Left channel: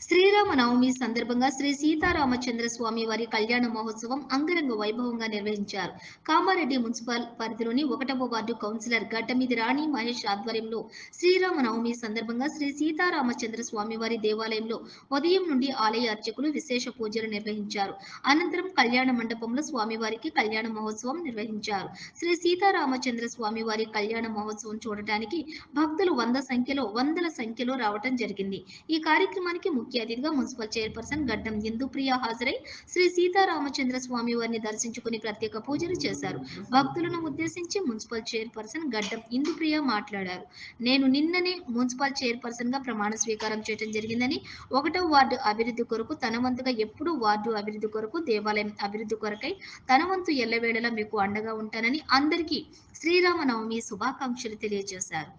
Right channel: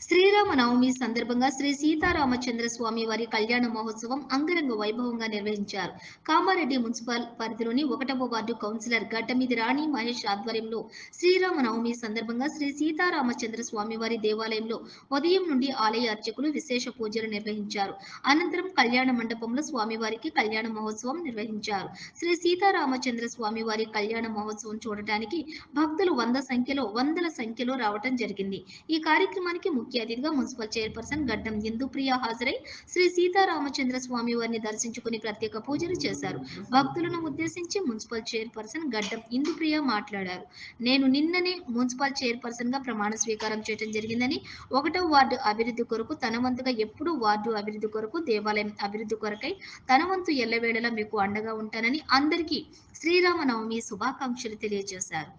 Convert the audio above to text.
శ్రీరామనవమి సందర్భంగా శ్రీ సీతారామచంద్ర స్వామి వారి కళ్యాణ మహోత్సవం అంగరంగ వైభవంగా నిర్వహించారు. కామారెడ్డి మున్సిపల్ పరిధిలోని 1వ వార్డు కౌన్సిలర్ గడ్డమీది రాణి మహేష్ ఆధ్వర్యంలో శ్రీరామనవమి సందర్భంగా శ్రీ సీతారామచంద్ర స్వామి వారి దేవాలయంలో ఉదయం నుండి ఆలయ అర్చకులు విశేష పూజలు నిర్వహించారు. అనంతరం కళ్యాణ మండపంలో స్వామివారికి కళ్యాణ మహోత్సవం నిర్వహించారు. శ్రీ సీతారామచంద్ర స్వామి వారి కళ్యాణ మహోత్సవం చూడటానికి భక్తులు వందల సంఖ్యలో రావటం జరిగింది. ఈ కార్యక్రమానికి ముఖ్య అతిథిగా మున్సిపల్ చైర్పర్సన్ గడ్డం ఇందుప్రియ హాజరై శ్రీ సీతారామచంద్ర స్వామి వారిని దర్శించుకుని ప్రత్యేక పూజలు చేశారు. భక్తులను ఉద్దేశించి మున్సిపల్ చైర్పర్సన్ గడ్డం ఇందుప్రియ మాట్లాడారు. నేను నిన్ననే మున్సిపల్ చైర్పర్సన్ గా ప్రమాణ స్వీకారం చేయడం జరిగిందని, 1వ వార్డు అభివృద్ధి కొరకు తన వంతుగా ఎప్పుడూ వార్డు అభివృద్ధి కొరకు, దేవాలయం అభివృద్ధి కొరకై తన వంతు ఎల్లవేళలా మీకు అండగా ఉంటానని అందరికీ శ్రీరామనవమి శుభాకాంక్షలు తెలియజేశారు.